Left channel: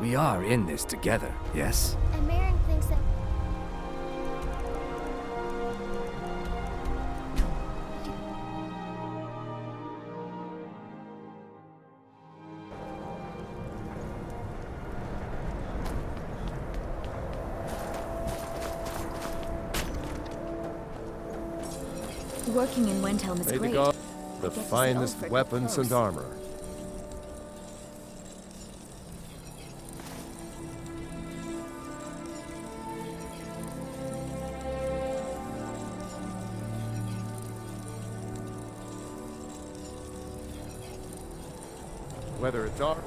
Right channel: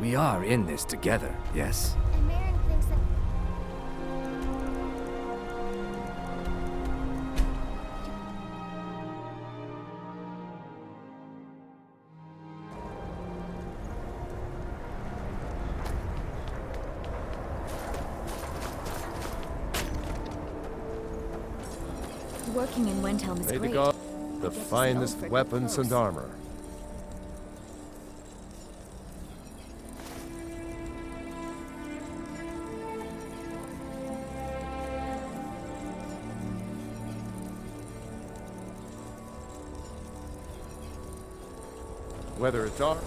We are in this together, yes? And Marin thinks that... Working in Wendhelm is May the great. god, I the get to see finest Ulfric weapons up and close. armor. Whether it's art.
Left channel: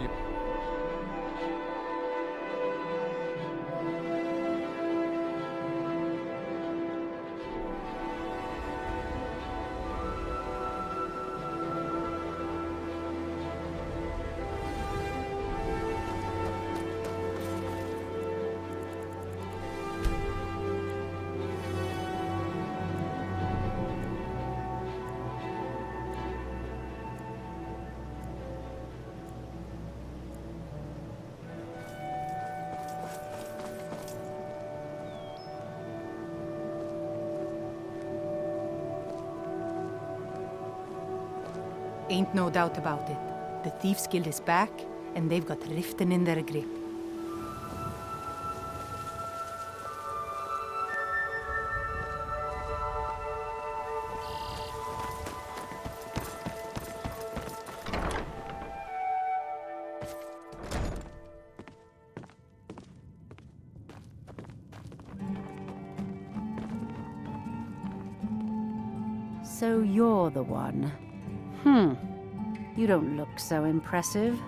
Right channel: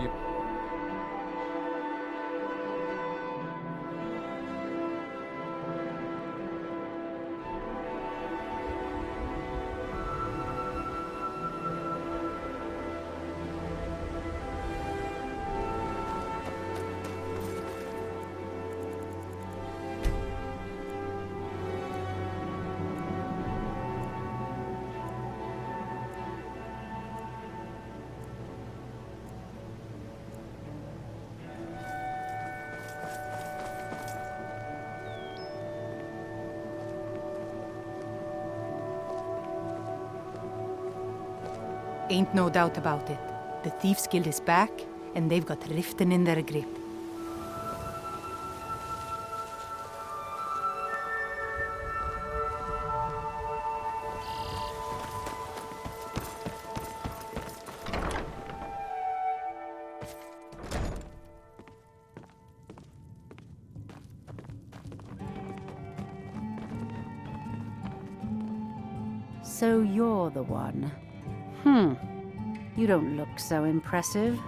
You Ain't no doubt about it. The Thieves Guild is back, and they've got Riften in their grip. So you're the one. You don't look so impressive.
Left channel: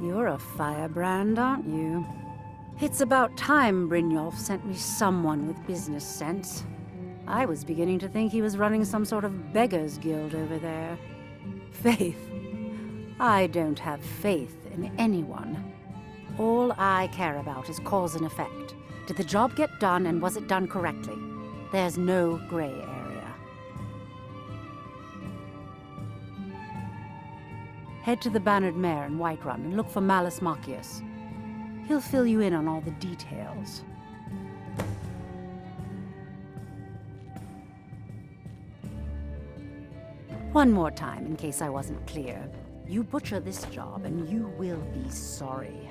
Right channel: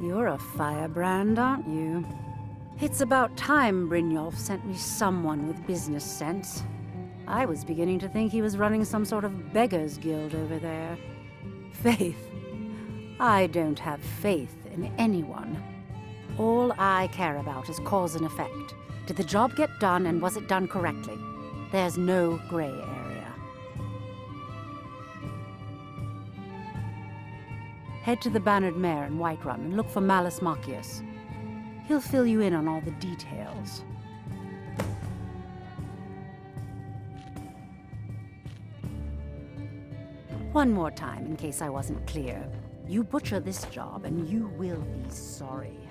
You're a firebrand, aren't you? It's about time Brynjolf sent me someone with business sense. I was beginning to think he was running some sort of beggars guild over there. Faith. I don't have faith in anyone. All I care about is cause and effect. Did the job get done, and was it done correctly? There's no gray area. Head to the Bannered Mare in Whiterun and look for Malus Macius. He'll fill you in on all the details. One more time, in case I wasn't clear. You butcher this job, and you will be sorry.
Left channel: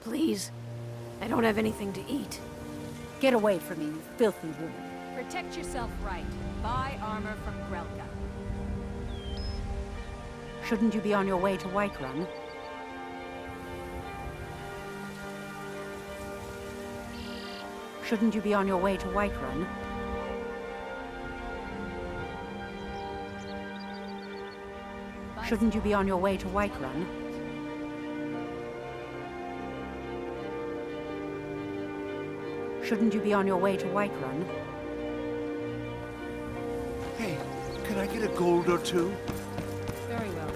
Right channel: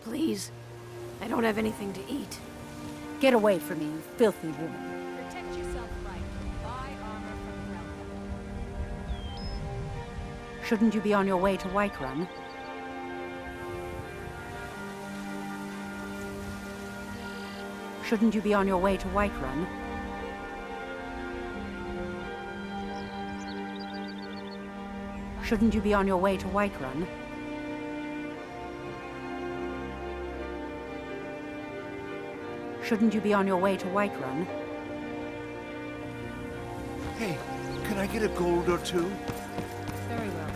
Please. I don't have anything to eat. Get away from me, you filthy woman. Protect yourself right. Buy armor from Grelka. Shouldn't you be on your way to Whiterun? Shouldn't you be on your way to Whiterun? Shouldn't you be on your way to Whiterun? Shouldn't you be on your way to Whiterun? Hey, can I get a gold or two? Very well.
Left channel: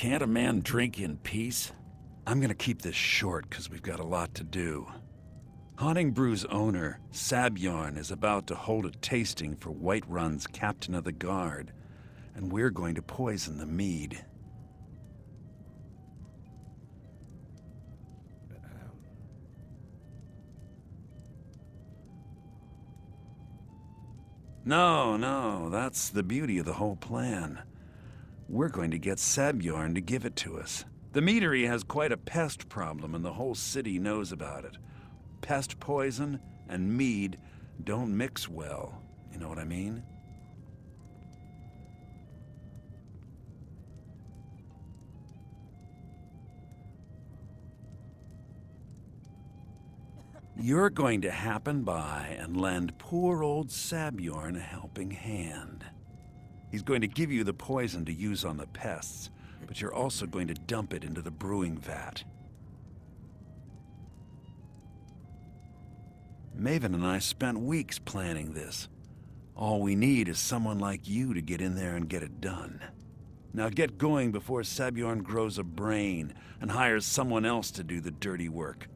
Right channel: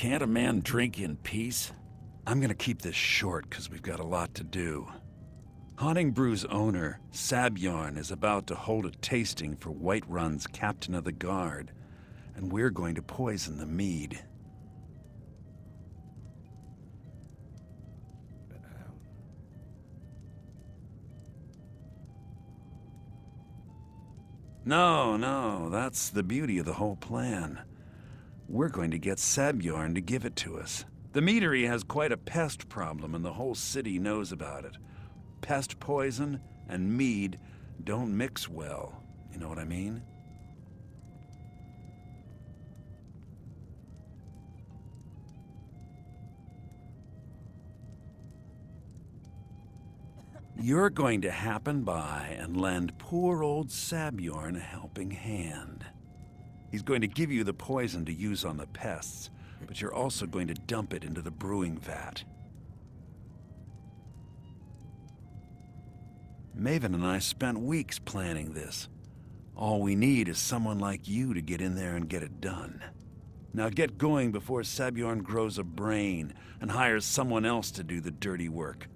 Can't a man drink in peace? I'm gonna keep this short because we've got a lot to do. Haunting Brew's owner, Sabjorn, is about to hold a tasting for Whiterun's captain of the guard, and we're going to poison the mead. No, that's the beauty of the whole plan. We're going to get Sabjorn to give it to us. The meadery has quite a pest problem, and the whole city knows about it. Pest poison and mead don't mix well. You know what I mean? You're going to happen by and lend poor old Sabjorn a helping hand. He's going to give you the poison to use on the pests, but you're also going to dump it into the brewing vat. Maven and I spent weeks planning this. All we need is someone like you to get in there and get it done. Now get going before Sabjorn grows a brain and hires someone else to do the dirty work.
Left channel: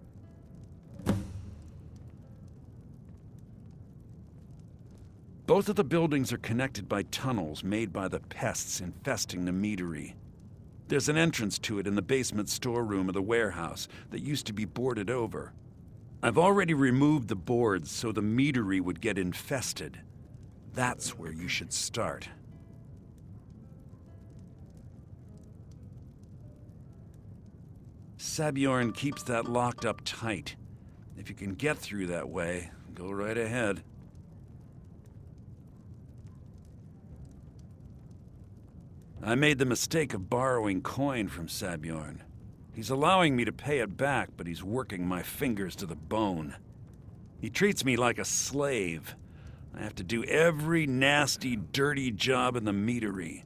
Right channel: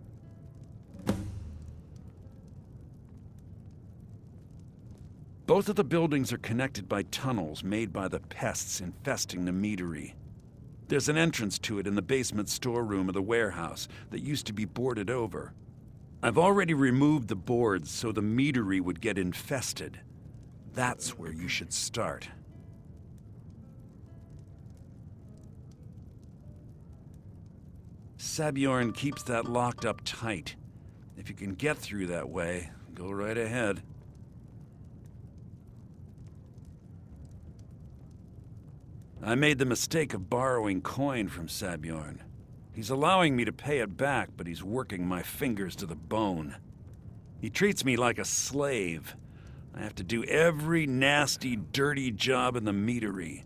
Both of the buildings are connected by tunnels made by the pests infesting the meadery. There's an entrance to it in the basement storeroom of the warehouse that used to be boarded over. I've already removed the boards so the meadery would get infested. That's where you should start. Sabjorn keeps that locked up tight. If you can get through that way, go right ahead. I made the mistake of borrowing coin from Sabjorn. He's allowing me to pay it back, but he's working my fingers to the bone. He treats me like a slave. I have to do every nasty, dirty job in the meadery.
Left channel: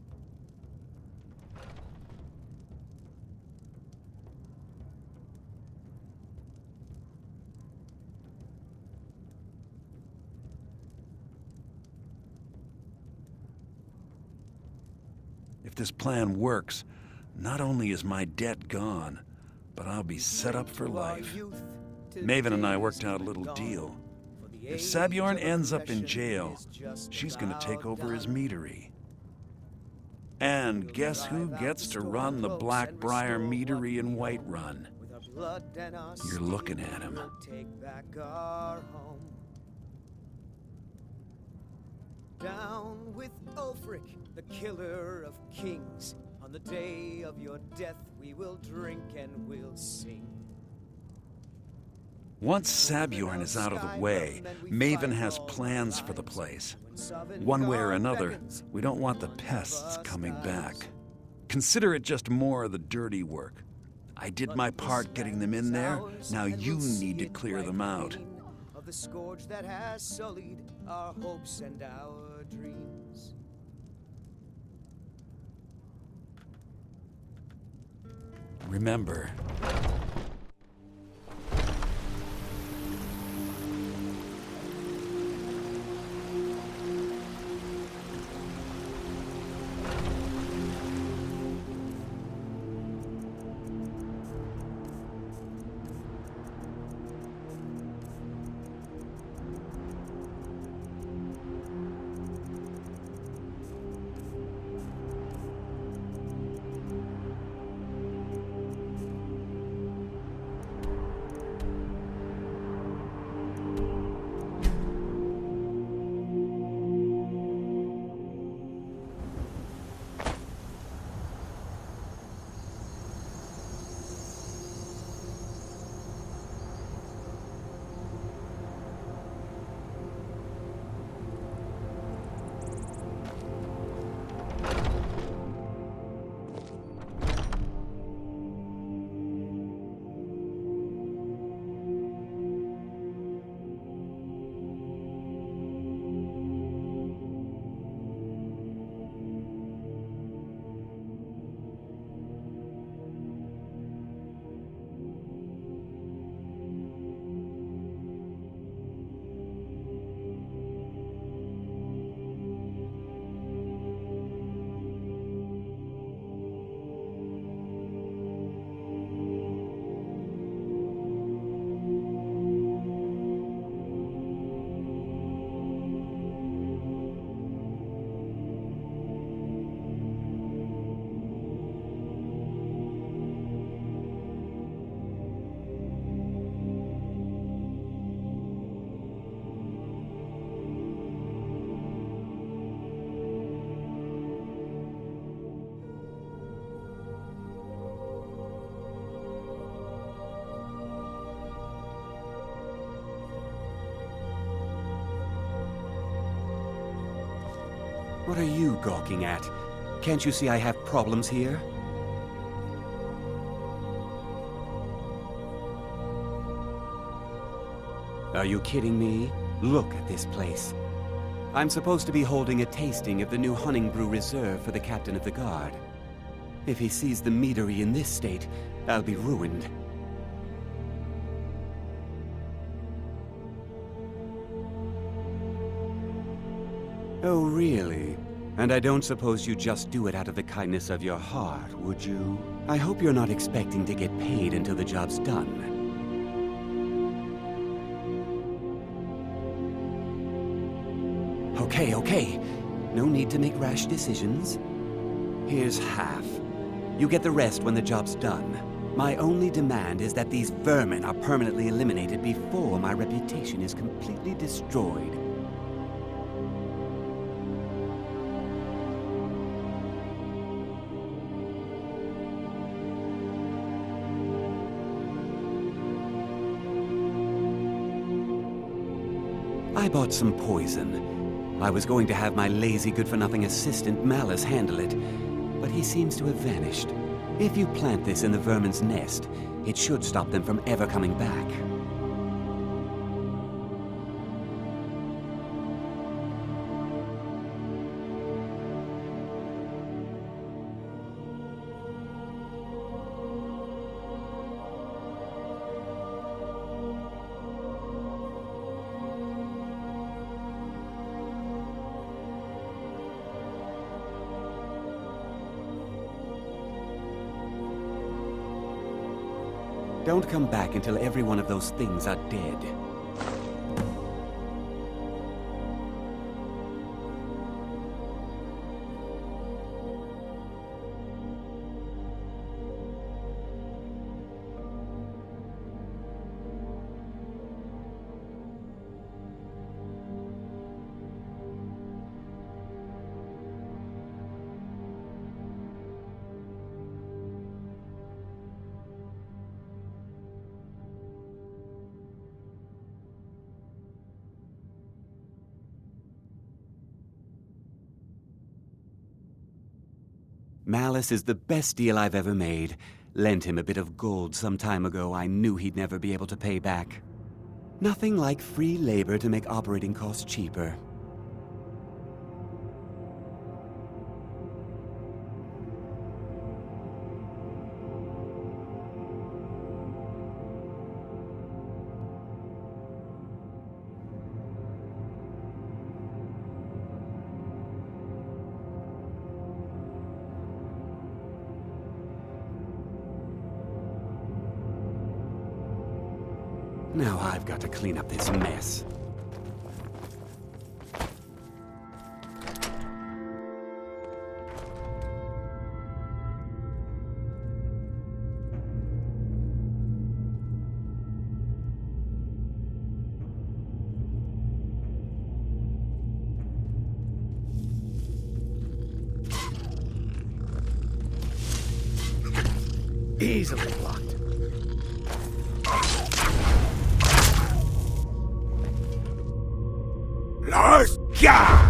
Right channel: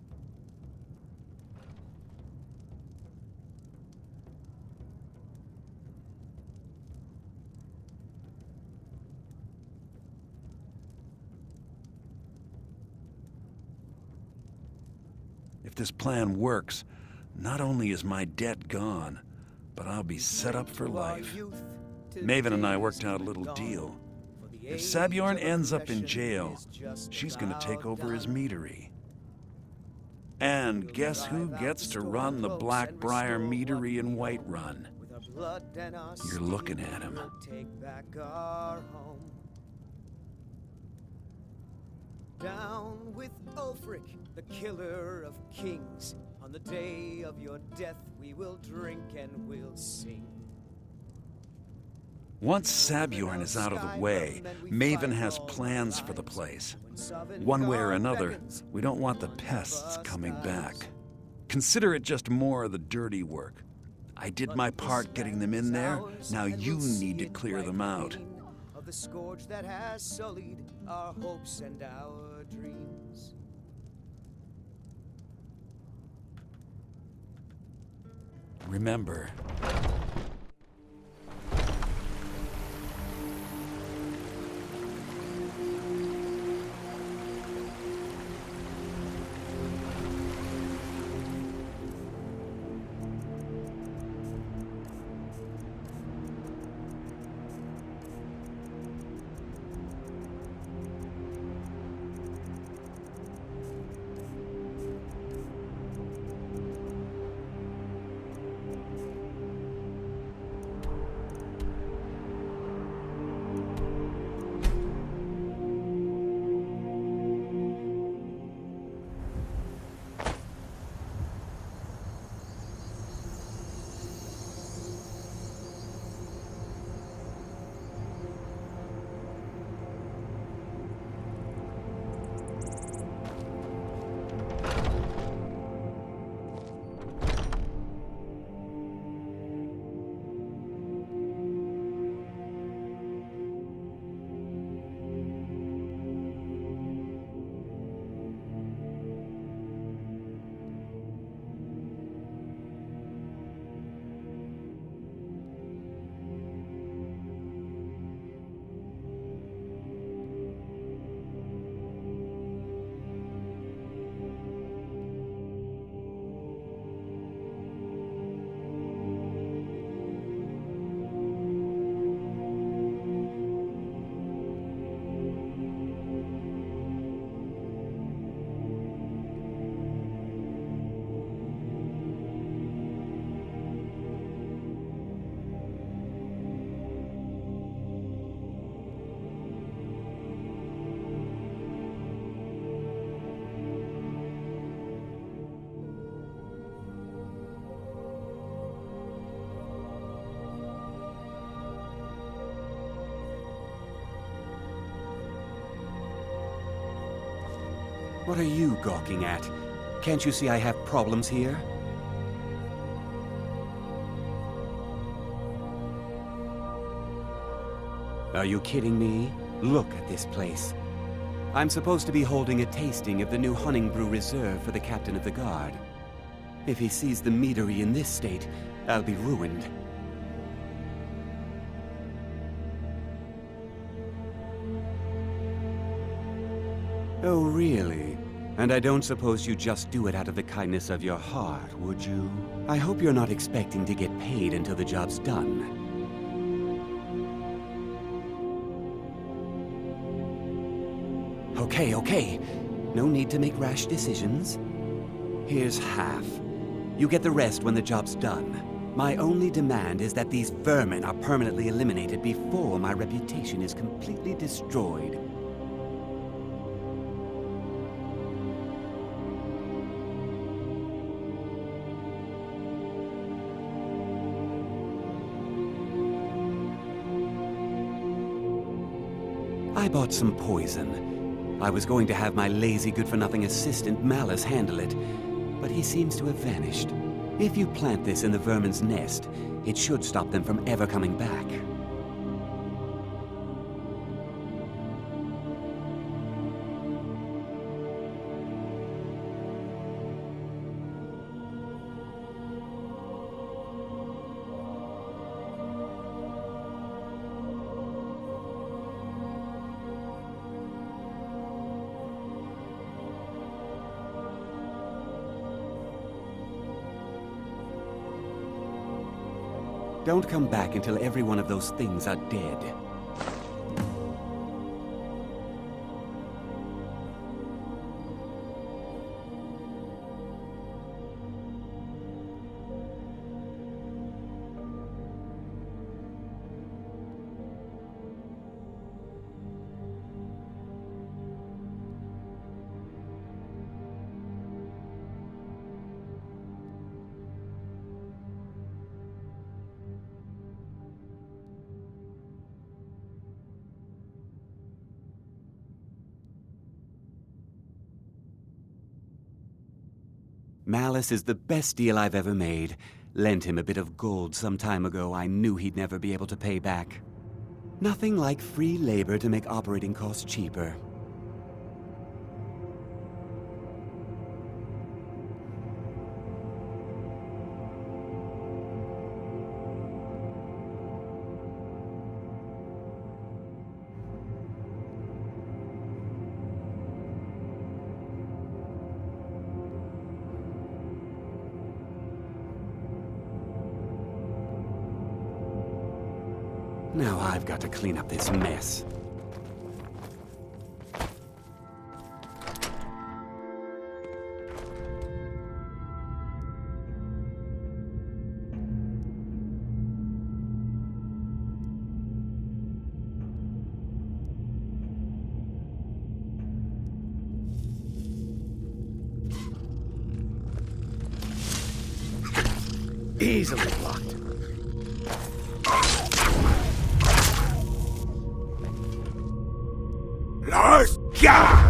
If this plan works, not only is my debt gone, but I'll be set up for life. Maven and I worked out a little deal. If Sabjorn ends up in jail, she's gonna take over his meadery. And guess who gets to run the Blackbriar meadery in Whiterun? You're looking at him. Down with Ulfric, the killer of kings. On the day of your death, we will drink and we'll sing. Once Sabjorn is out of the way, Maven has plans for the place. One way or another, we don't want the pests coming back. Consider it just more of the dirty work. I did my part getting them in there, now you need to clear them out. Of the scourge that has sullied our hopes and our dreams. Remember, What are you gawking at? Can't you see I have problems here? Are you kidding me? Look at this place. I'm supposed to be holding a tasting of the new Hunting Brew Reserve for the Captain of the Guard. If he sees the meadery in this state, I'll be ruined. Oh, really? And I don't suppose you just do it out of the kindness of your heart, would you? I hope you're not expecting to get paid until the job's done. Okay. No need to make rash decisions. Here's half. You get the rest when the job's done. My only demand is that these vermin are permanently eliminated before my reputation is completely destroyed. I bought some poison. I was going to have my lazy, good-for-nothing assistant, Malice, handle it, but he seems to have vanished. If you plant this in the vermin's nest, it should stop them from ever coming back. Don't come back until every one of those things are dead. Malice is the best deal I've ever made. Lent him a bit of gold some time ago I knew he'd never be able to pay back. Nothing like free labor to make operating costs cheaper. Now I've got to clean up this mess. Easily blocked. Let's go!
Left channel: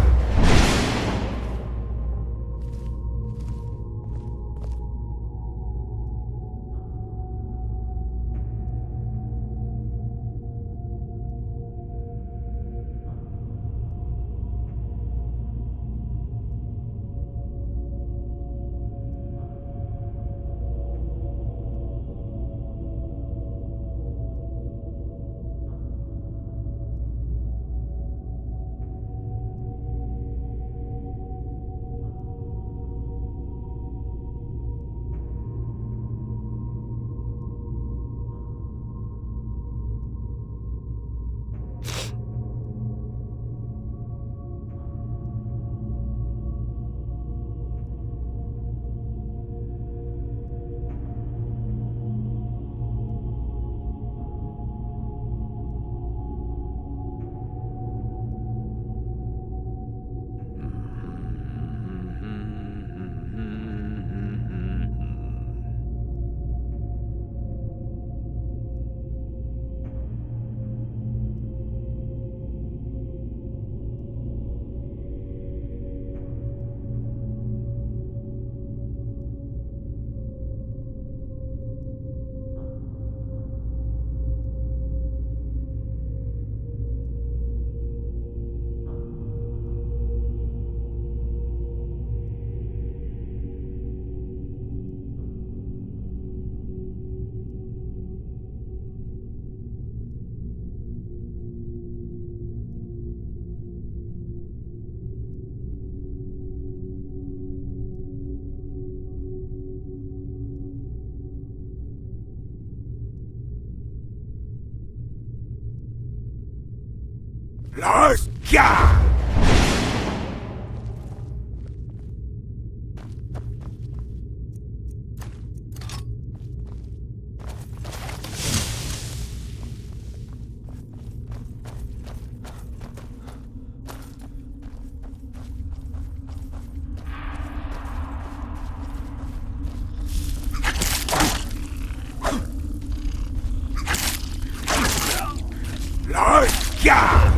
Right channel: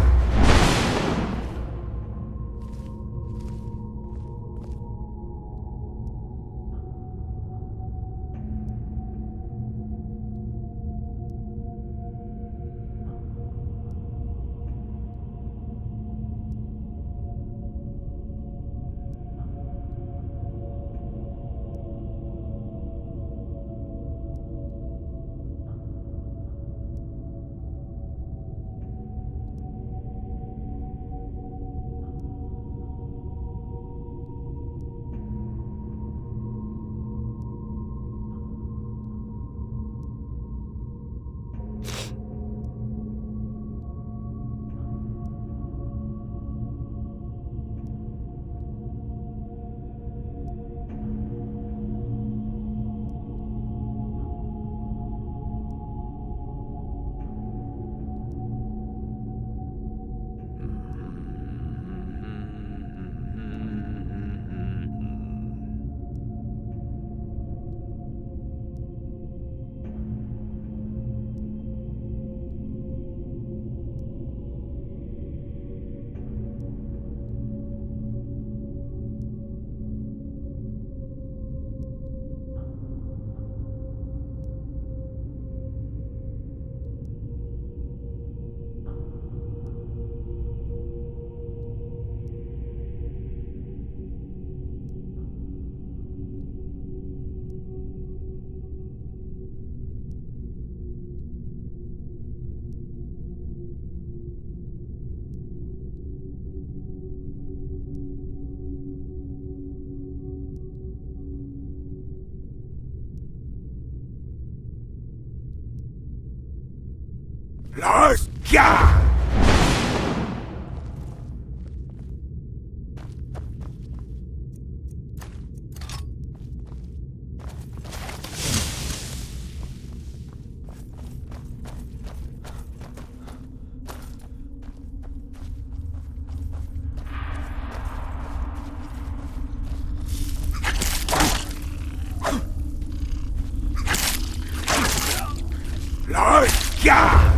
Let's go! Let's go!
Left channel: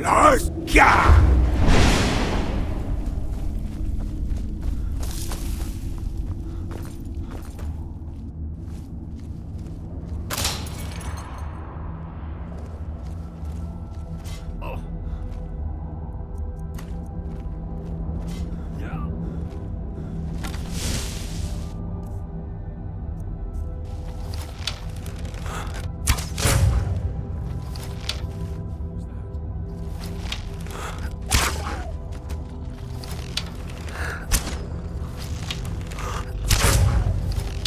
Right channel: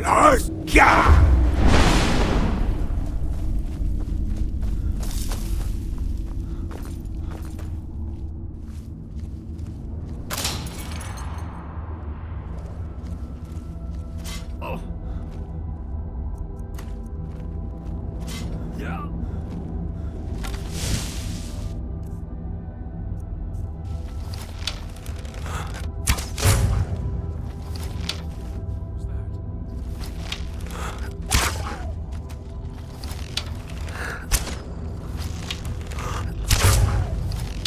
Let's go!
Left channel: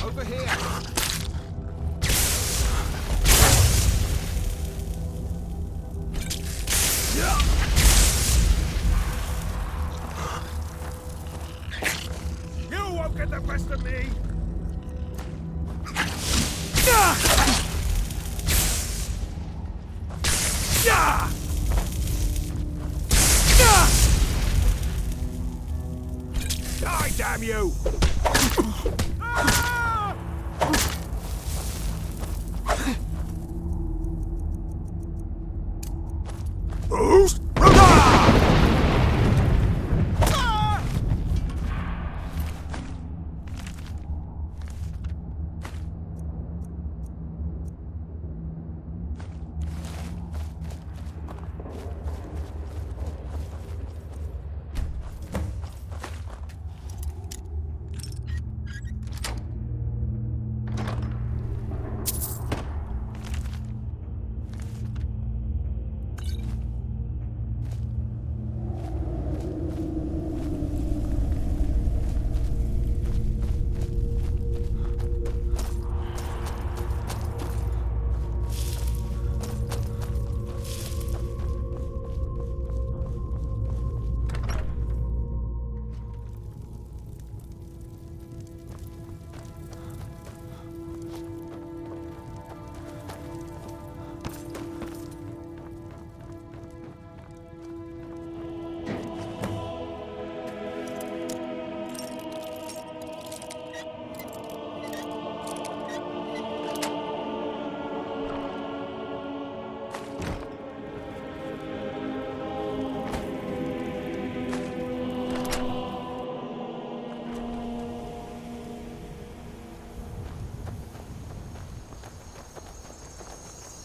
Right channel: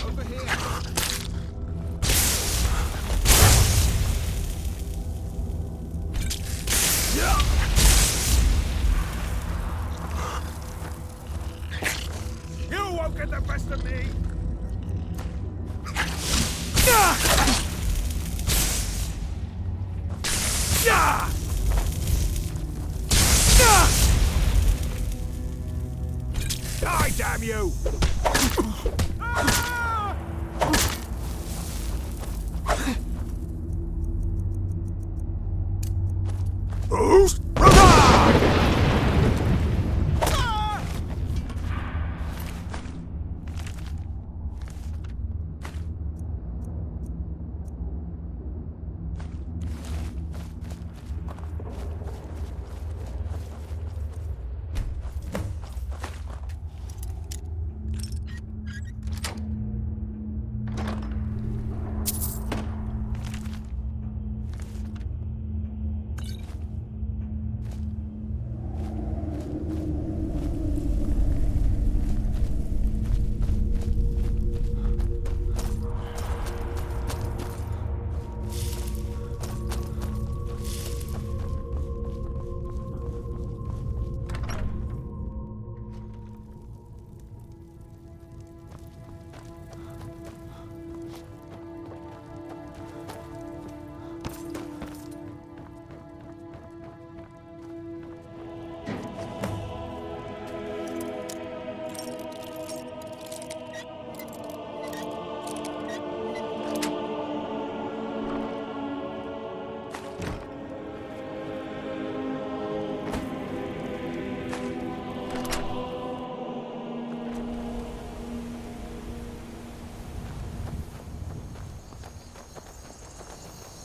Over here! You won't get the best of me! Die, damn you! Who's?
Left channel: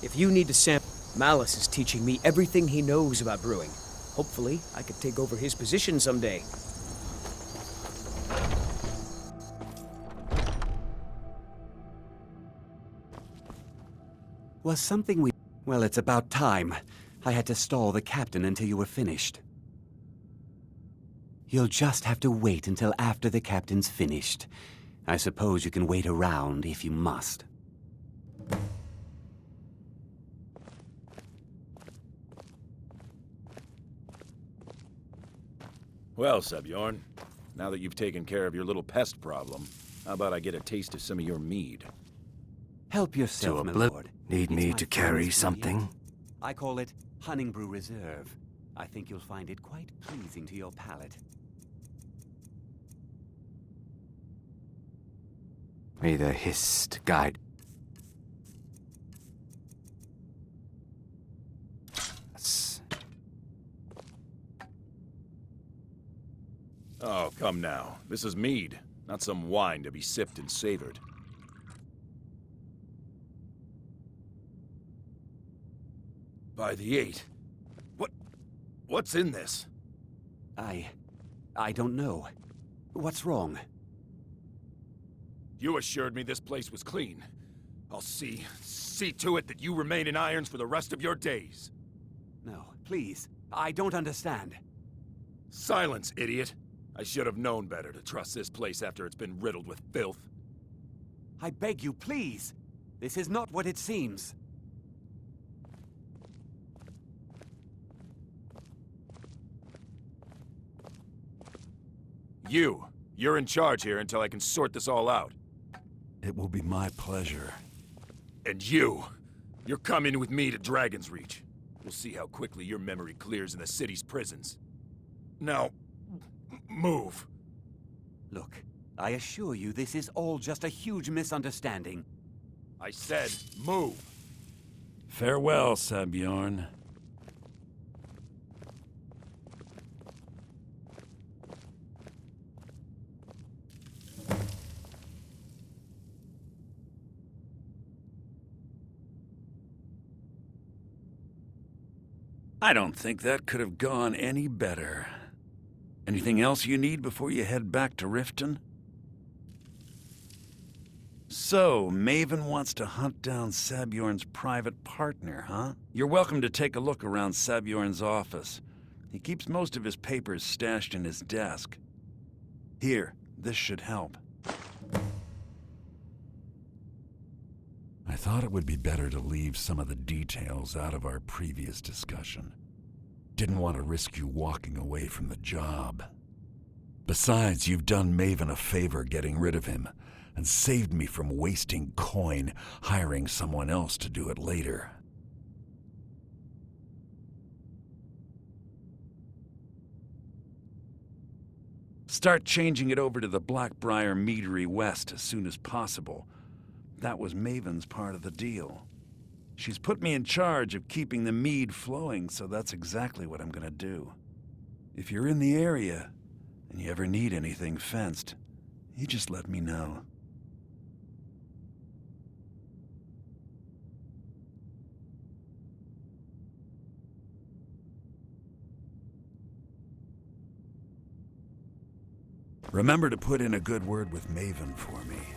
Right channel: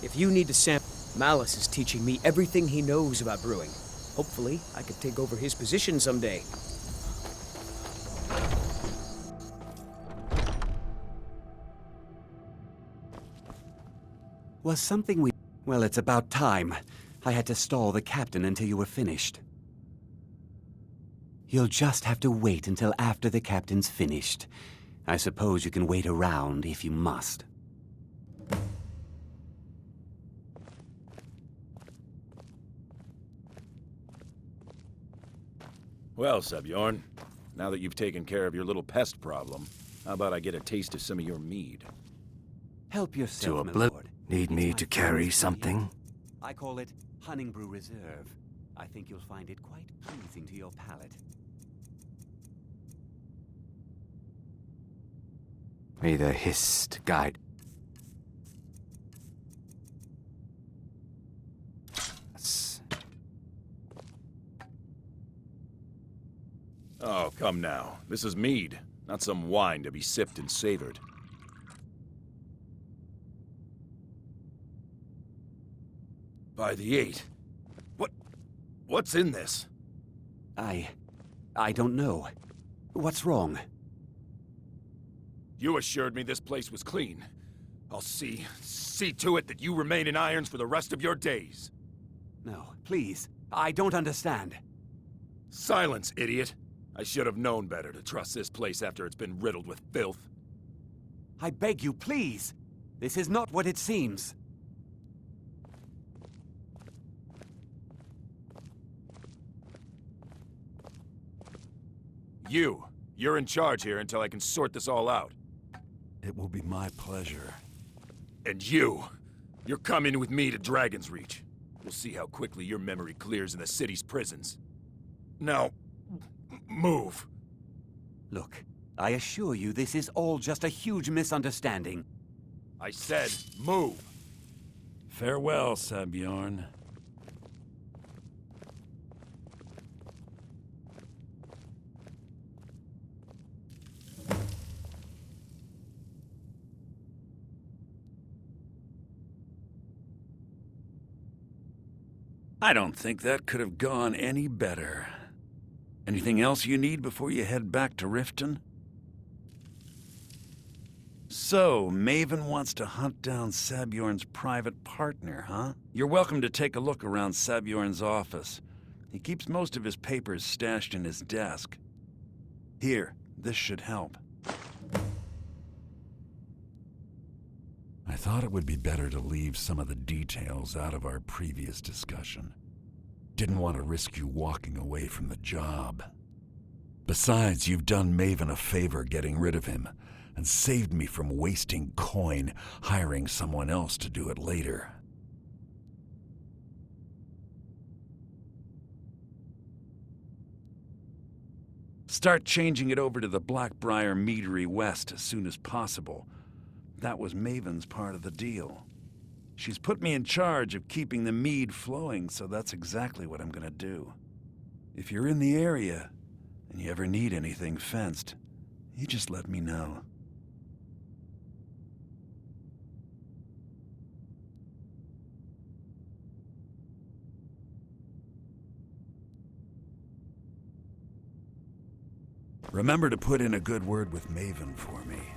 If you need to sample, Malice is teaching me everything he knows about brewing. Hopefully, I could take over his position someday. Was something we... Well, it's about time. I had to stall the captain until you were finished. You'll just have to wait until after the captain's finished. I suppose you can wait around if you must. Well, Sebjorn, now that you've taken care of your little pest problem, how about I get a taste of some of your mead? Help To yourself, a my blip. lord. Need It's me my to carry finest something? brew. I call it Honningbrew Reserve. I think you'll find it quite pleasing to your palate. May the hist guide us. Oh, come now. This is mead, not some wine to be sipped and savored. By the 8. What's in this? I don't know. What's wrong? You assured me this place was clean. I'll see to it that you remain in irons for the rest of your days. No, please. I don't understand. Silence, idiot. I should have known better to trust this place after it's been riddled with filth. I beg you, please. This is not what it seems. You're in charge here until I can sort this all out. It will be my pleasure. And you're coming with me to Dragon's Reach. We'll see how quickly your memory clears in the city's prisons. Now, move. Look, I assure you this is all just a huge misunderstanding. I said, move. Farewell, Sabjorn. I don't think that could have gone any better. Anything else you need before you head back to Riften? So, Maven wants to hunt down Sabjorn's private partner, huh? You're welcome to take a look around Sabjorn's office. He keeps most of his papers stashed in his desk. Here, this should help. I thought it would be better to leave some of the details out of our previous discussion. Didn't want to risk you walking away from the job. Besides, you've done Maven a favor getting rid of him, and saved me from wasting coin hiring someone else to do it later. Start changing it over to the Blackbriar Meadery West as soon as possible. That was Maven's part of the deal. She's put me in charge of keeping the mead flowing, so that's exactly what I'm gonna do. If you're in the area, and you ever need anything fenced, you just let me know. Remember to put in a good word with Maven for me.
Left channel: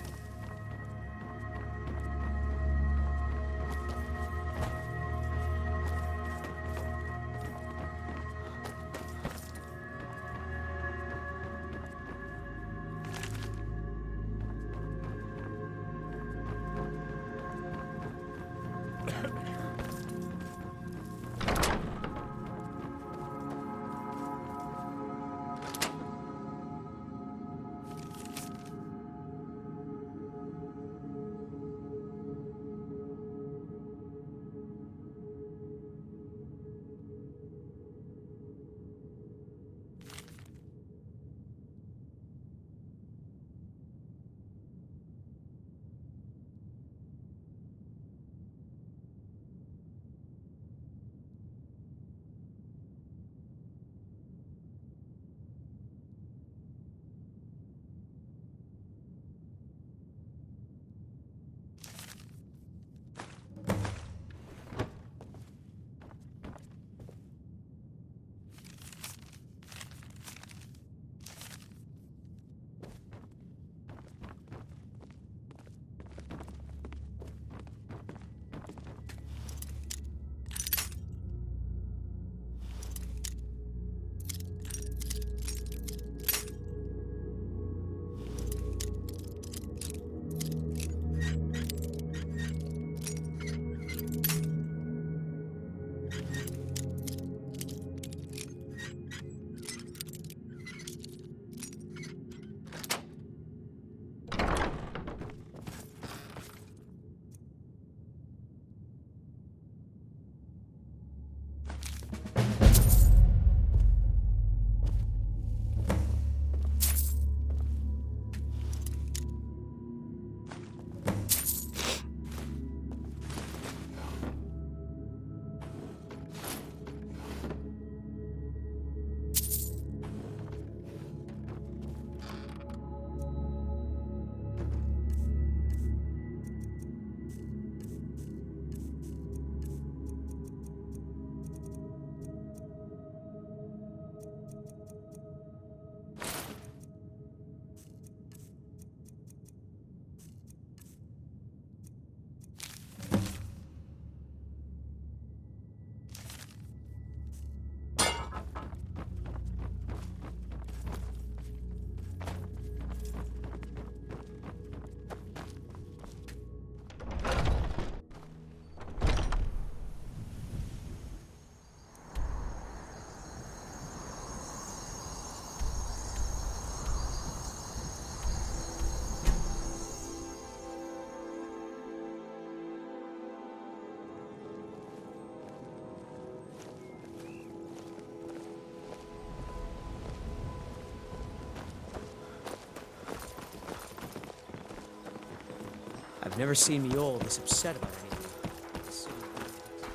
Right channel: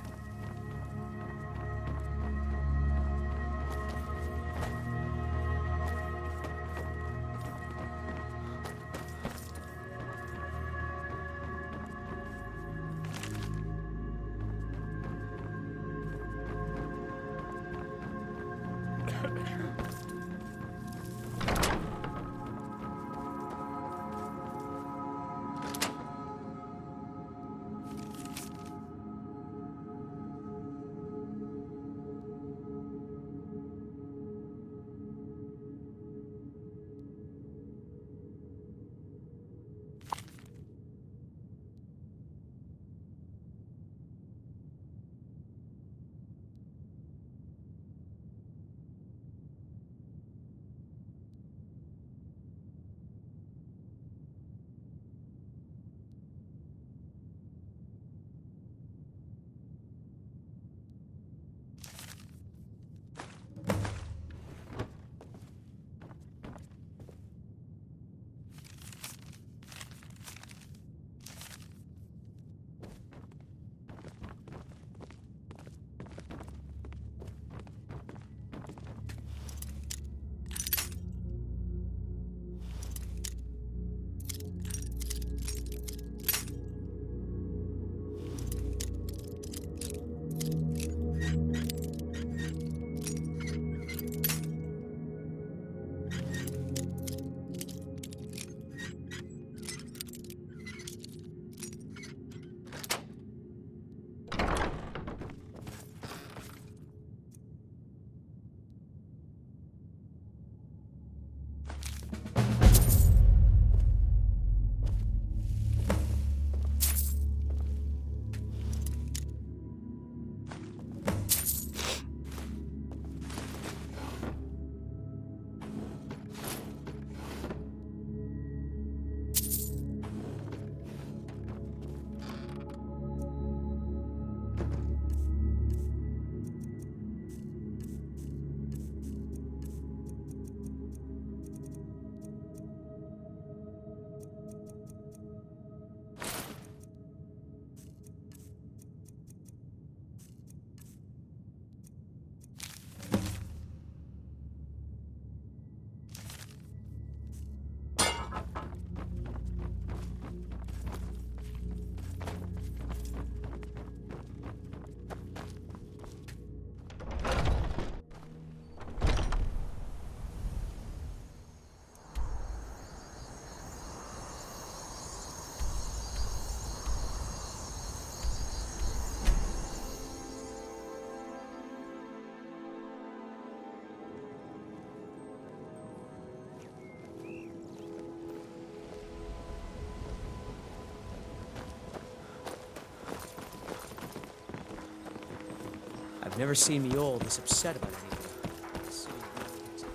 Never seen me all this upset about anything.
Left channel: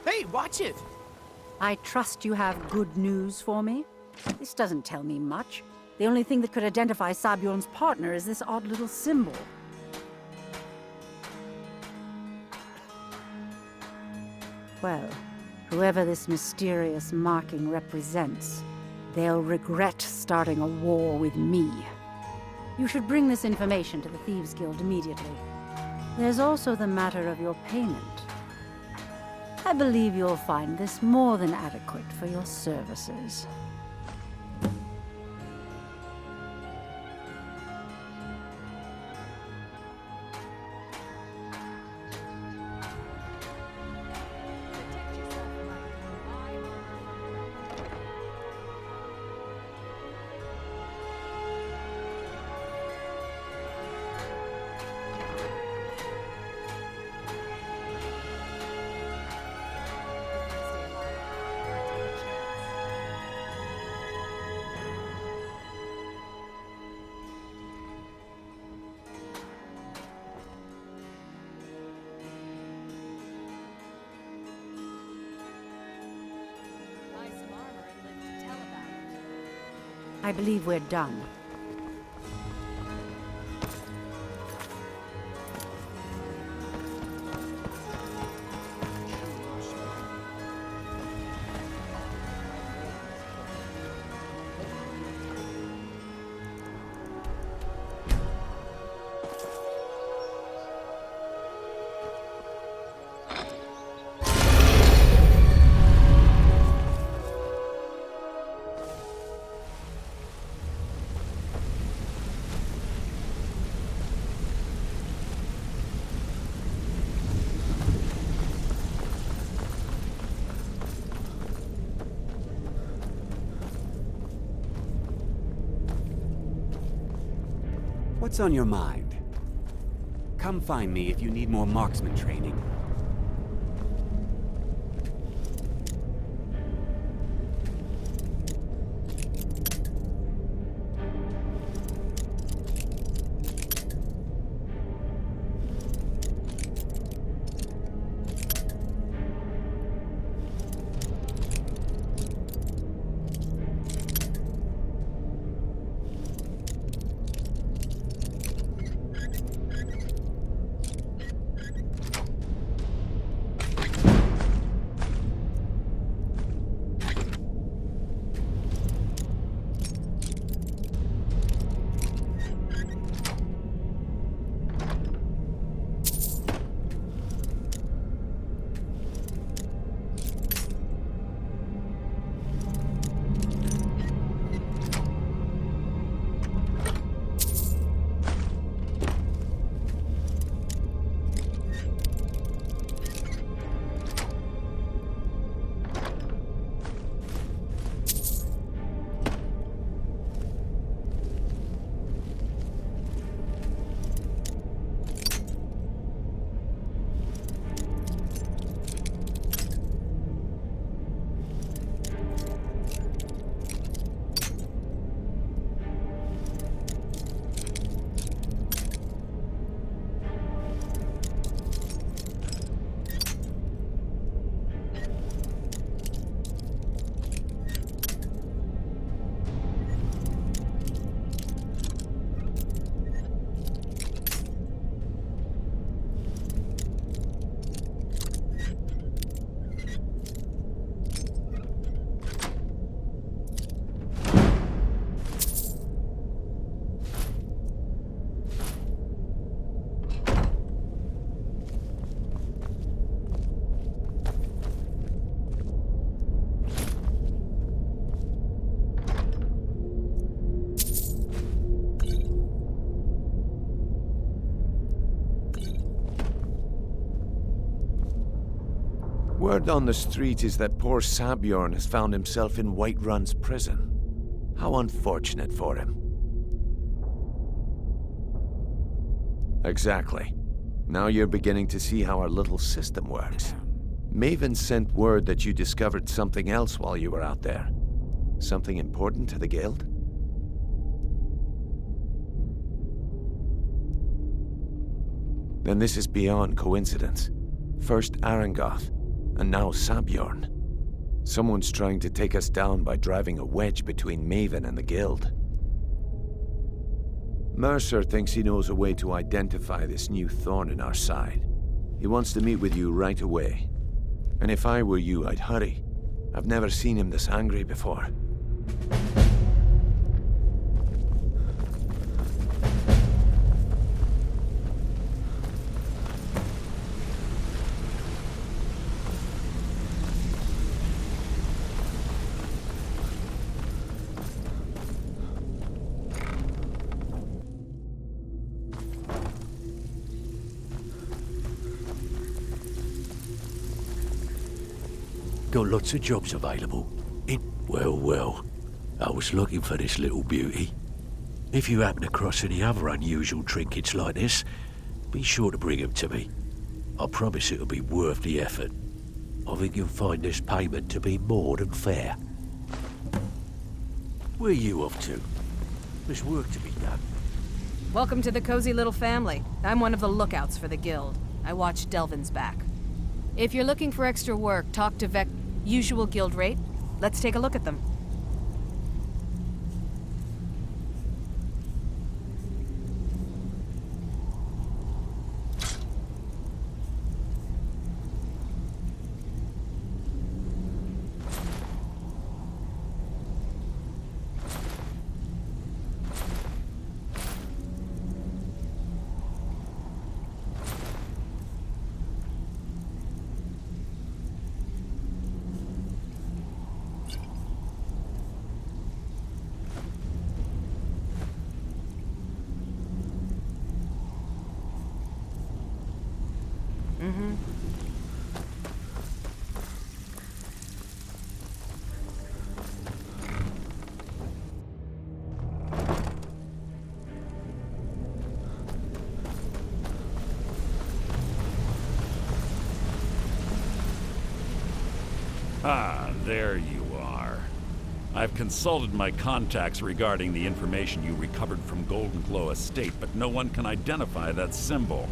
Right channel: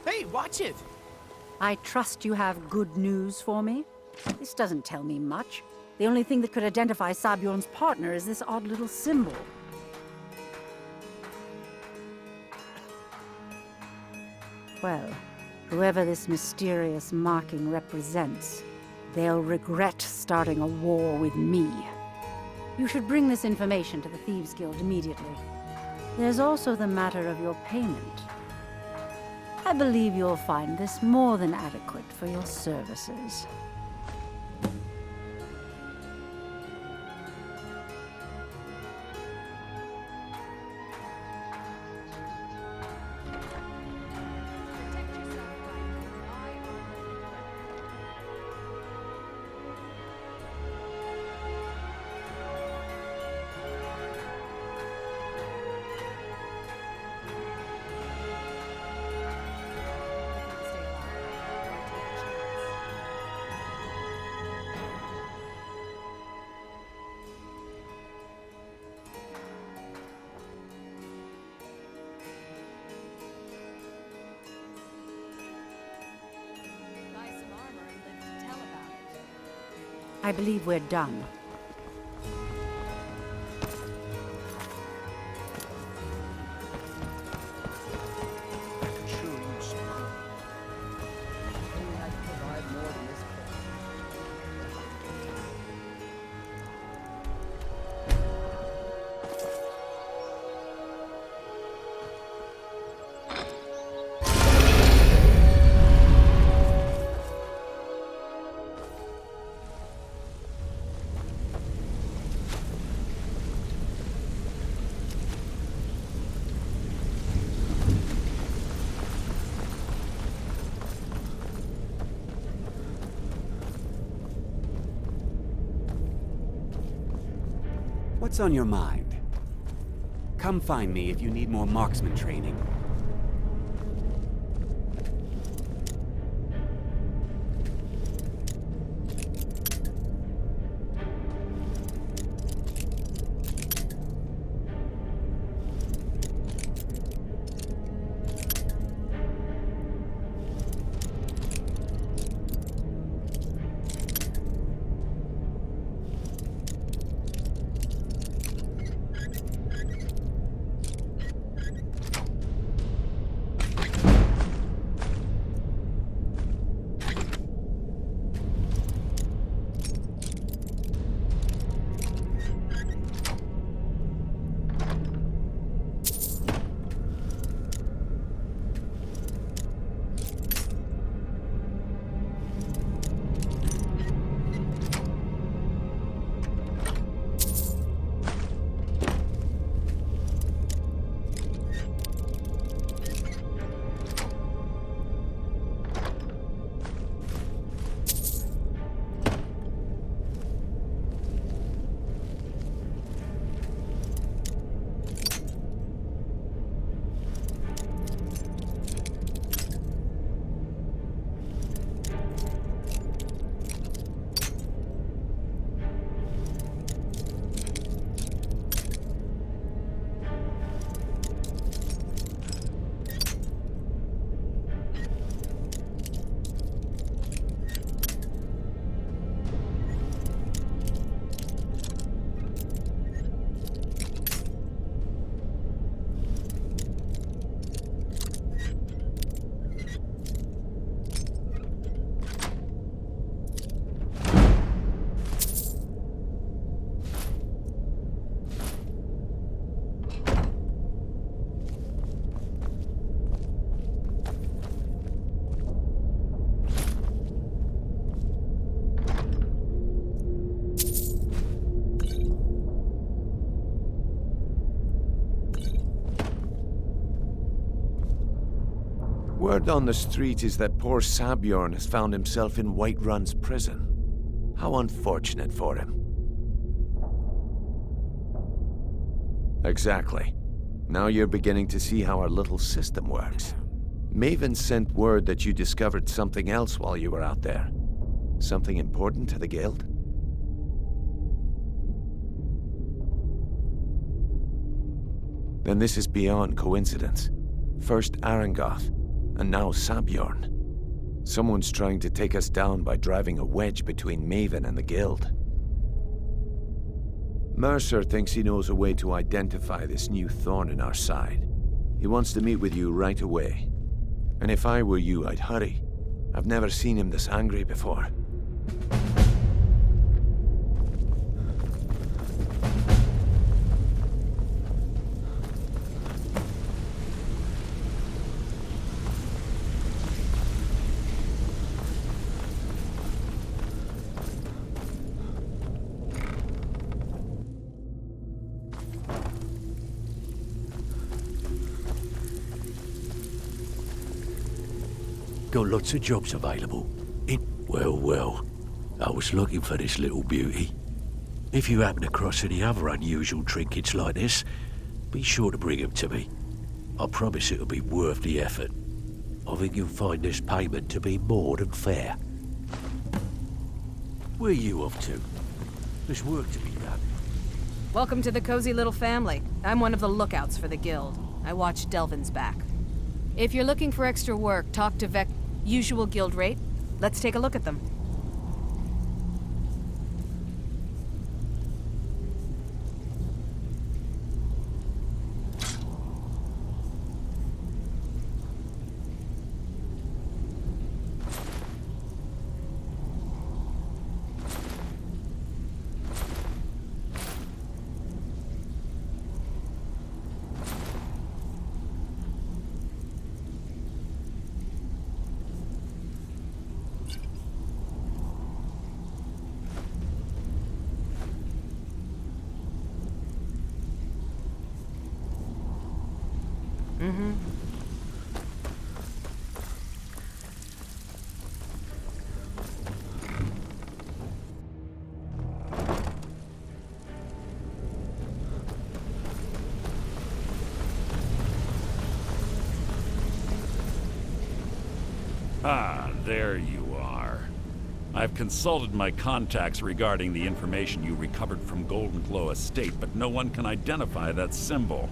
Hey, watch it! I trust you have good news for me. This doesn't tell me much. The only thing that could identify Sabjorn's partner is this odd little symbol. Well, whoever this mysterious marking represents, they'll regret starting a war with me. You should bring this information to the Thieves Guild immediately. There's also the matter of your payment. I believe you'll find this more than adequate for your services. Protect yourself right. Buy armor from Grelm. Looking to stay alive? Or take a chance? Buy some armor and live to tell about it. I believe we're done. What's on your mind? Come find me if you need more marksman training. Word on the street is that poor Sabjorn has found himself in Whiterun's prison. How unfortunate for him. Exactly. Now you're beginning to see how our little system works. Maven sent word that you discovered something else while you were out there. Something important to the Guild? then this is beyond coincidence. First Arangoth, and now Sabjorn. Someone's trying to take us down by driving a wedge between Maven and the Guild. Mercer thinks he knows a way to identify this new thorn in our side. He wants to meet with you right away. And if I were you, I'd hurry. I've never seen him this angry before. Got lots of jobs available. Well, I was looking for this little beauty. If you happen across any other unusual trinkets like this, be sure to bring them to me. I promise it'll be worth the effort. I think you'll find this payment to be more than fair. Where are you off to? There's work to be done. Welcome to the cozy little family. I'm one of the lookouts for the guild. I watch Delvin's back. If you're looking for extra work, talk to Vec. Usual guild rate. Let's take a look at them. Ah, there you are. I've consulted my contacts regarding the information you recovered from Golden Glow Estate, but no one can identify that symbol.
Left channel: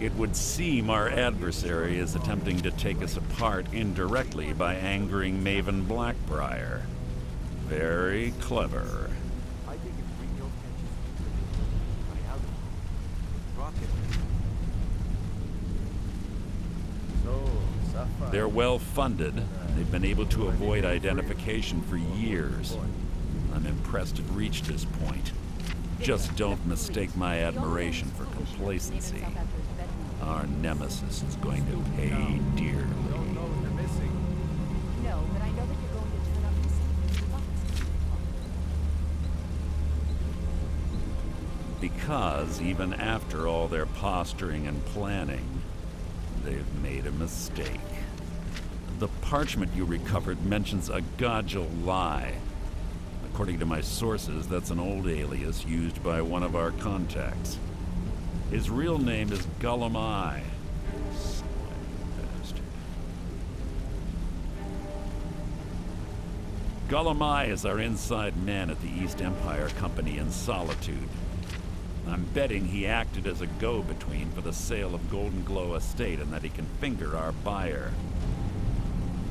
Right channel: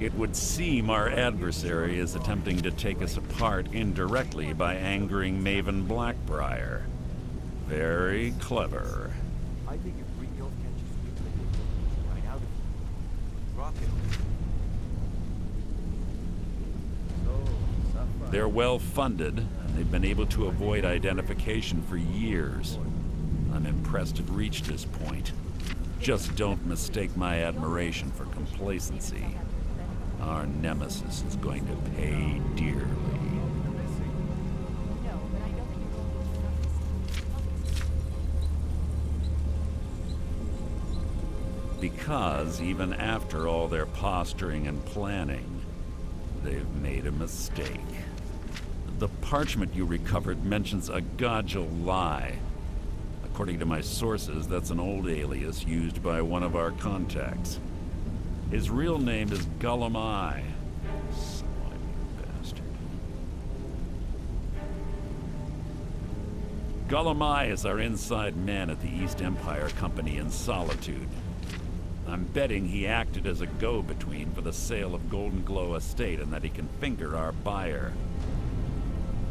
It would seem our adversary is attempting to take us apart indirectly by angering Maven Blackbriar. Very clever. I think if Brynjolf catches wind right out of it, rocket. They're well funded, and they've been able to avoid identification for years. I'm impressed it reached this point. Just don't mistake my admiration for complacency. Our nemesis is going to pay dearly. No, but I know that you're going to turn up missing. Because even after all their posturing and planning, they've made a mistake. The parchment you recovered mentions a Godjal lie. According to my sources, that's an old alias used by one of our contacts. His real name is Gullum Eye. Slimy bastard. Gullum Eye is our inside man at the East Empire Company in Solitude. I'm betting he acted as a go-between for the sale of Golden Glow Estate and that he can finger our buyer.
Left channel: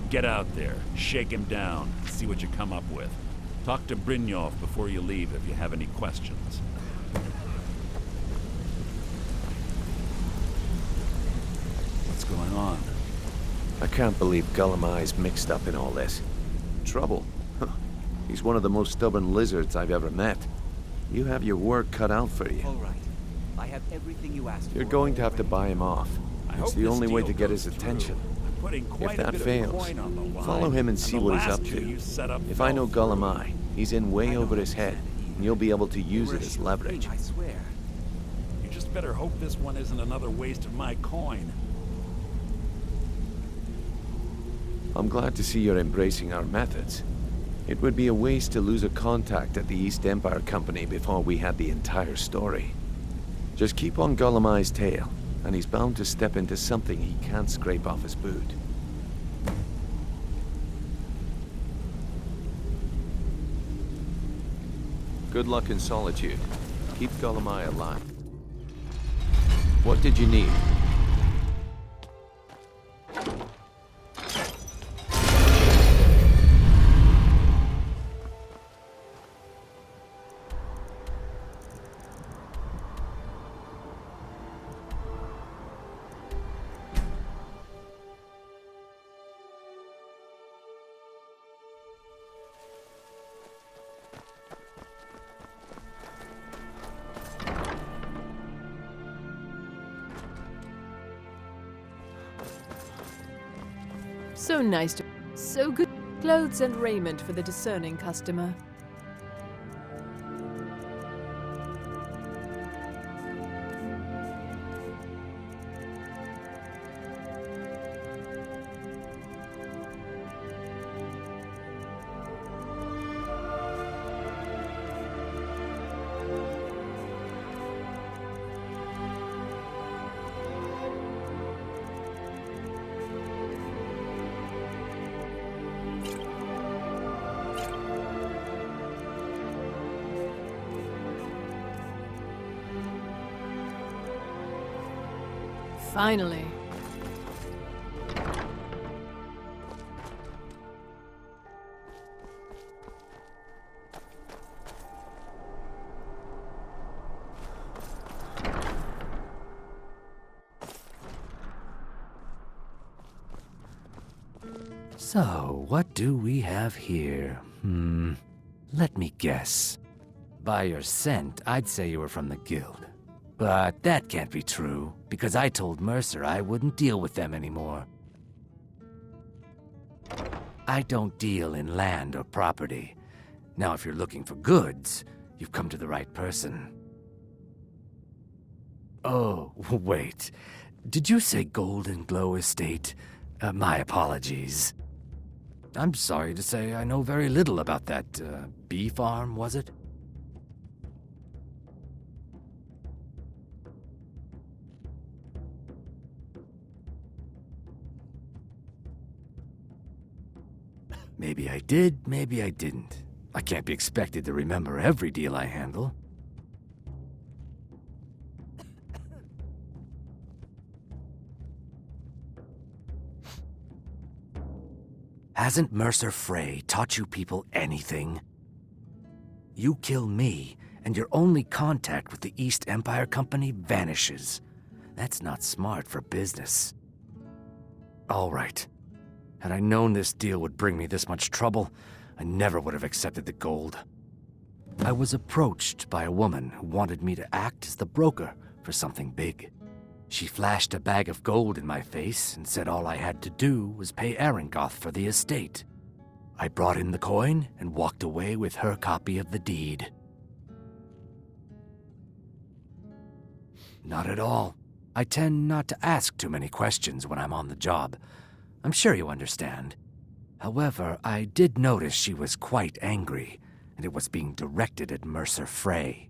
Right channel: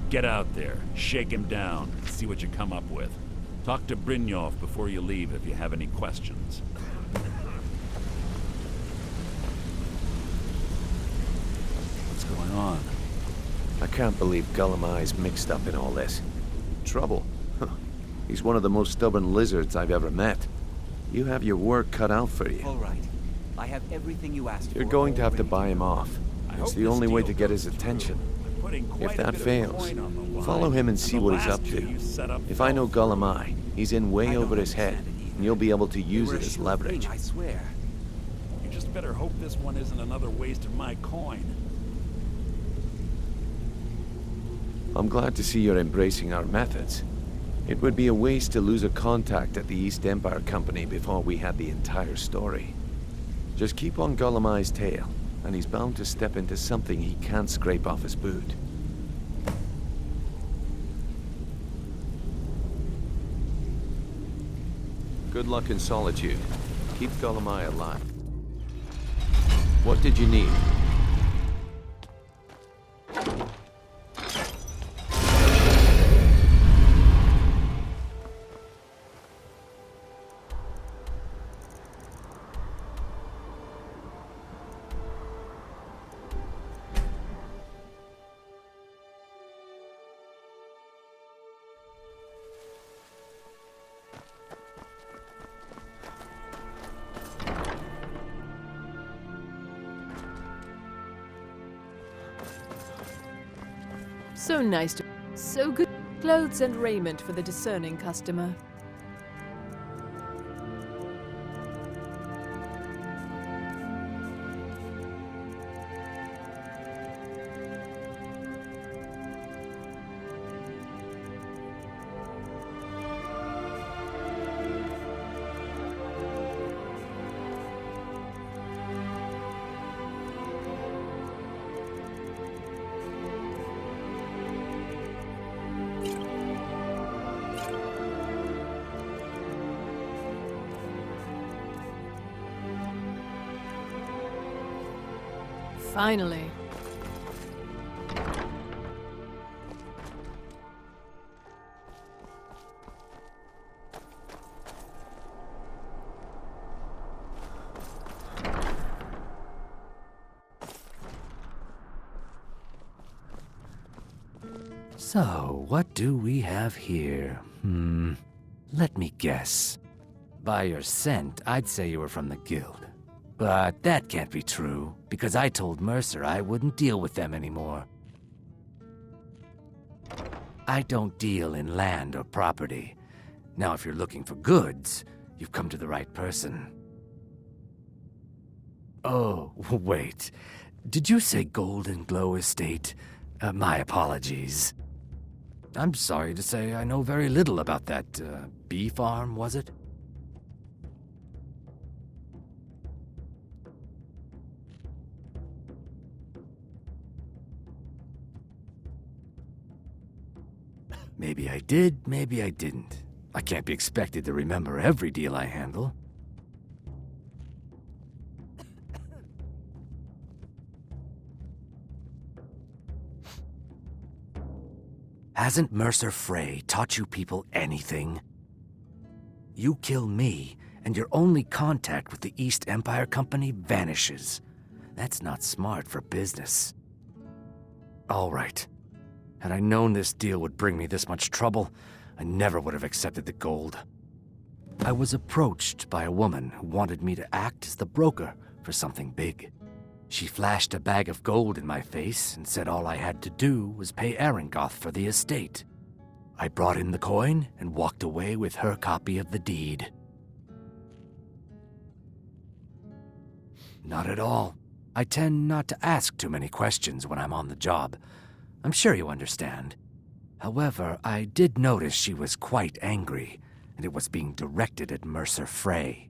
Get out there, shake him down, see what you come up with. Talk to Brynjolf before you leave if you have any questions. What's going on? I can't believe Gullum Eye's mixed up in all this. Trouble? Huh. He's one of the most stubborn lizards I've ever met. You have your work cut out for you. All right. I have everything you asked for. You're going to have to buy him off. It's hope the this only way deal to get goes his attention. If If that fails, follow him and see what he's up to. If I know Gullum Eye, he's in way over his head, and you'll be able to use it as leverage. I swear. You just better hope this one isn't another waste of my coin. I'm glad to see you're embracing our methods. It would be a waste to lose a contact at the East Empire Company before we had the entire story. Just keep on Gullum Eye's tail, and he's bound to step into something he can't scrape off his boot. Good luck in solitude. Keep Golemai alive. What did you need? So nice to... So good clothes and raiment for the discerning customer. Finally. So, what do we have here? Let me guess. By your scent, I'd say you were from the guild. But that can't be true, because I told Mercer I wouldn't deal with them anymore. I don't deal in land or property. Now, if you're looking for goods, you've come to the right person. Oh, wait. Did you say Golden Glow Estate? My apologies. I'm sorry to say I know very little about that, bee farm, was it? Maybe I did, maybe I didn't. I can't be expected to remember every deal I handle. Hasn't Mercer Frey taught you people anything? You kill me, and your only contact with the East Empire Company vanishes. That's not smart for business. All right. Had I known this deal would bring me this much trouble, I never would have accepted the gold. I was approached by a woman who wanted me to act as the broker for something big. She flashed a bag of gold in my face and said all I had to do was pay Arangoth for the estate. I brought in the coin and walked away with her copy of the deed. Not at all. I tend not to ask too many questions when I'm on the job. I'm sure you understand. However, I did notice she was quite angry, and it was being directed at Mercer Frey.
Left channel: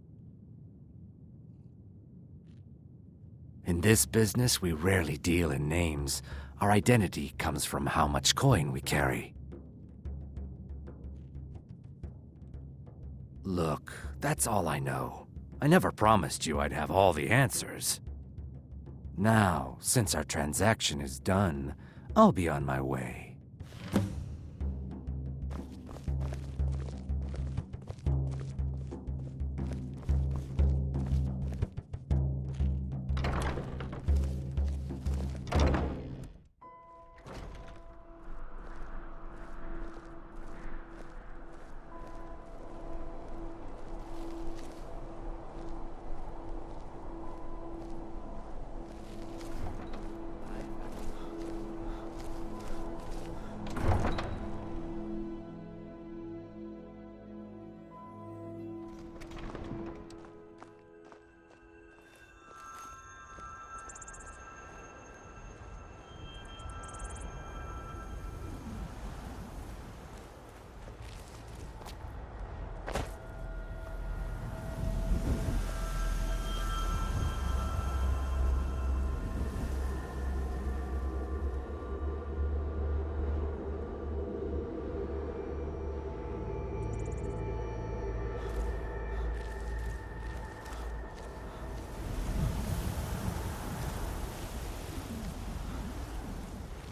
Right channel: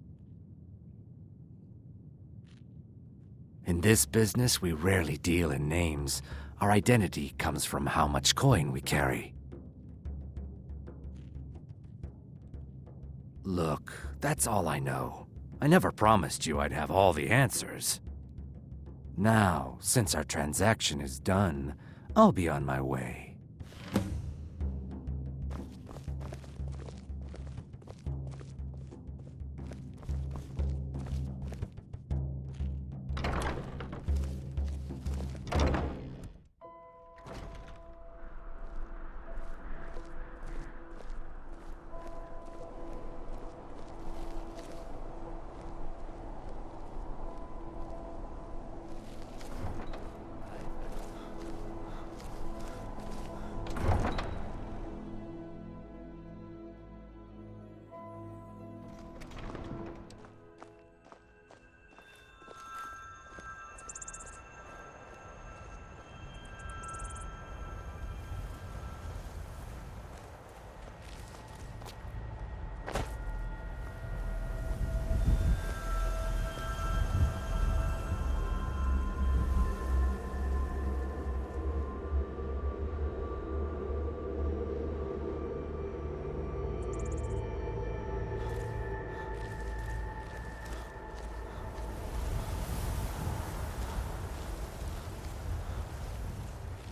In this business, we rarely deal in names. Our identity comes from how much coin we carry. Look, that's all I know. I never promised you I'd have all the answers. Now, since our transaction is done, I'll be on my way.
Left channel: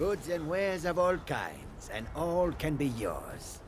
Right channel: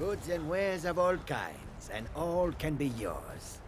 Goods and wares of all kinds, and all can be yours.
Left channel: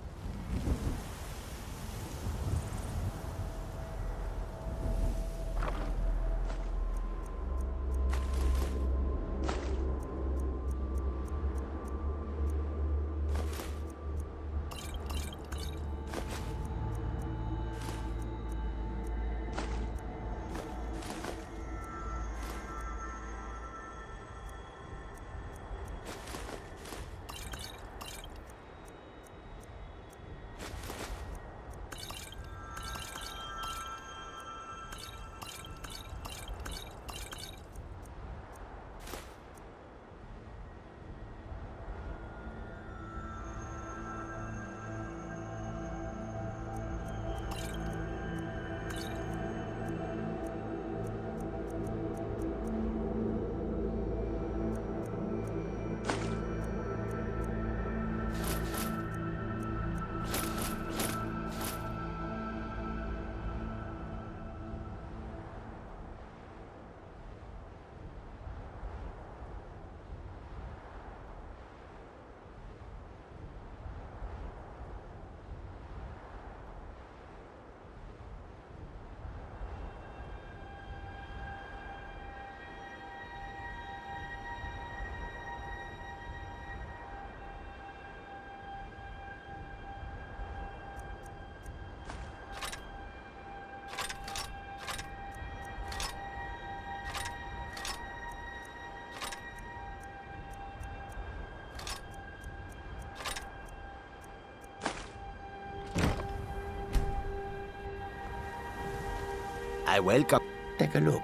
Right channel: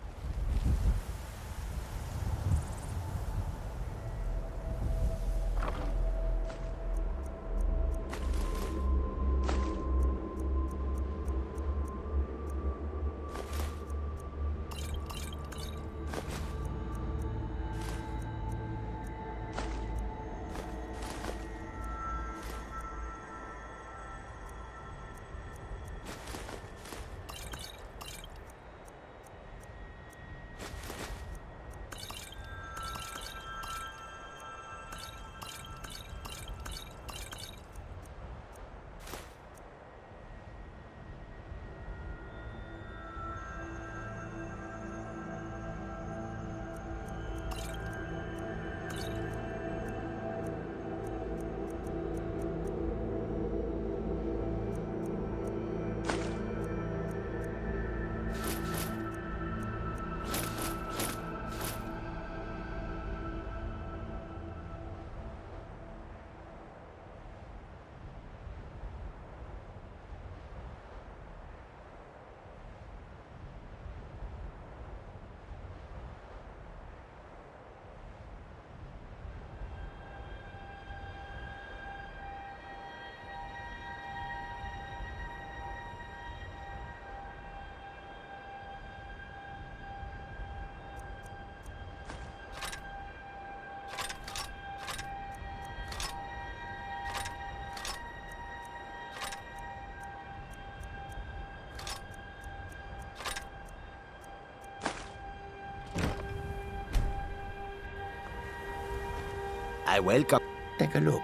I welcome. Take a look.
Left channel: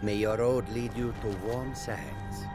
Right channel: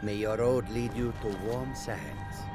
May your road lead you to warm sands.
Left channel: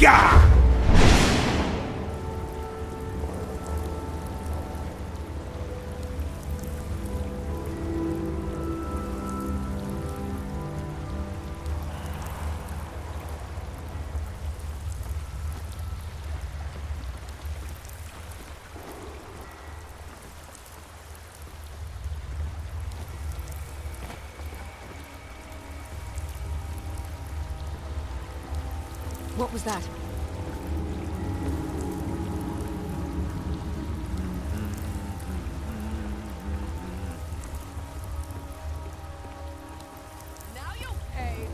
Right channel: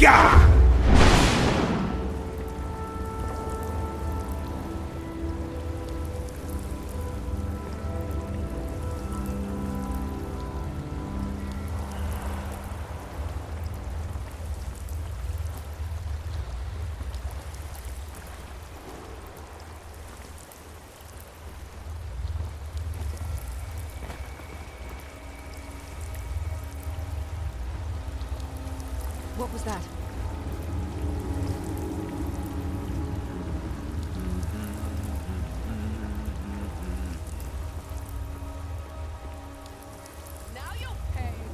Gah! What was that? Now you'll pay.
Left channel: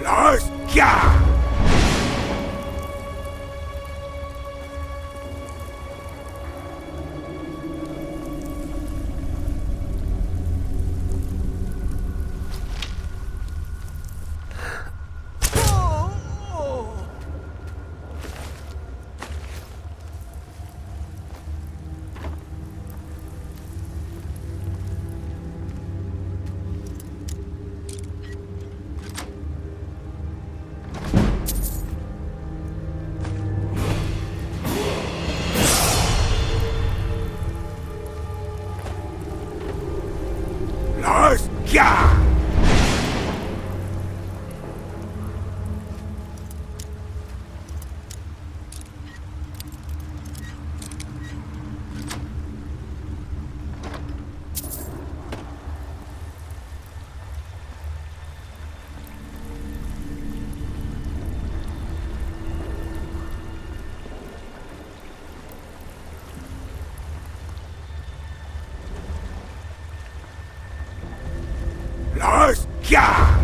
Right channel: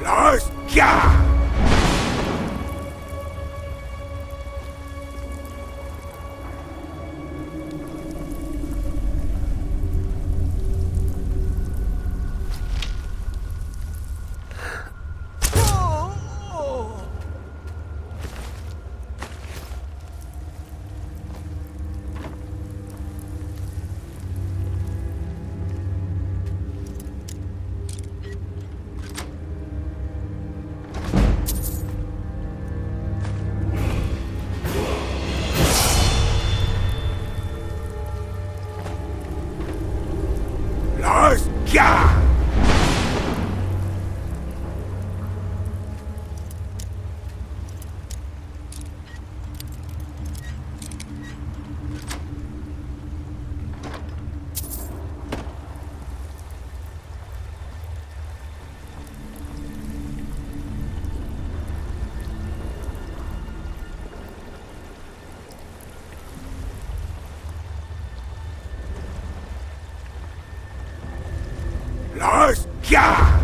Los Gah! Los Gah! Los Gah!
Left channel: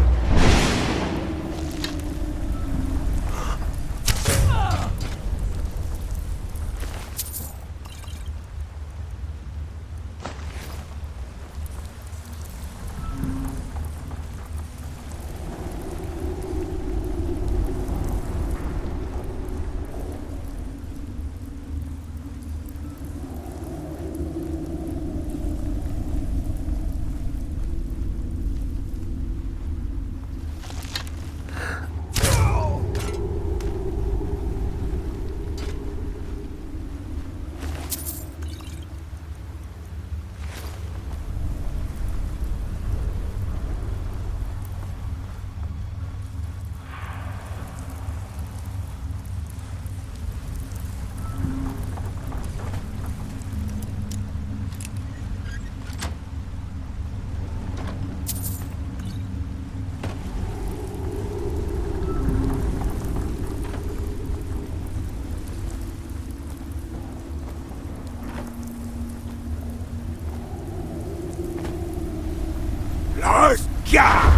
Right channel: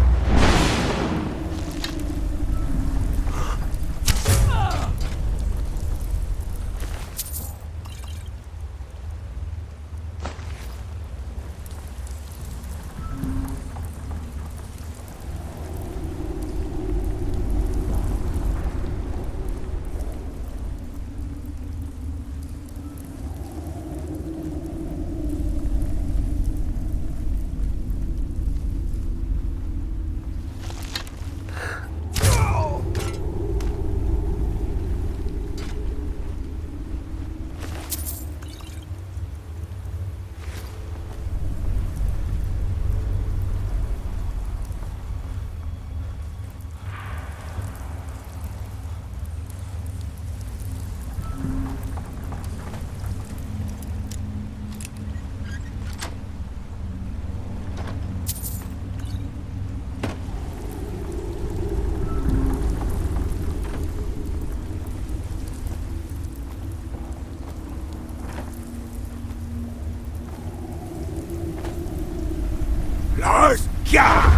Los Gah!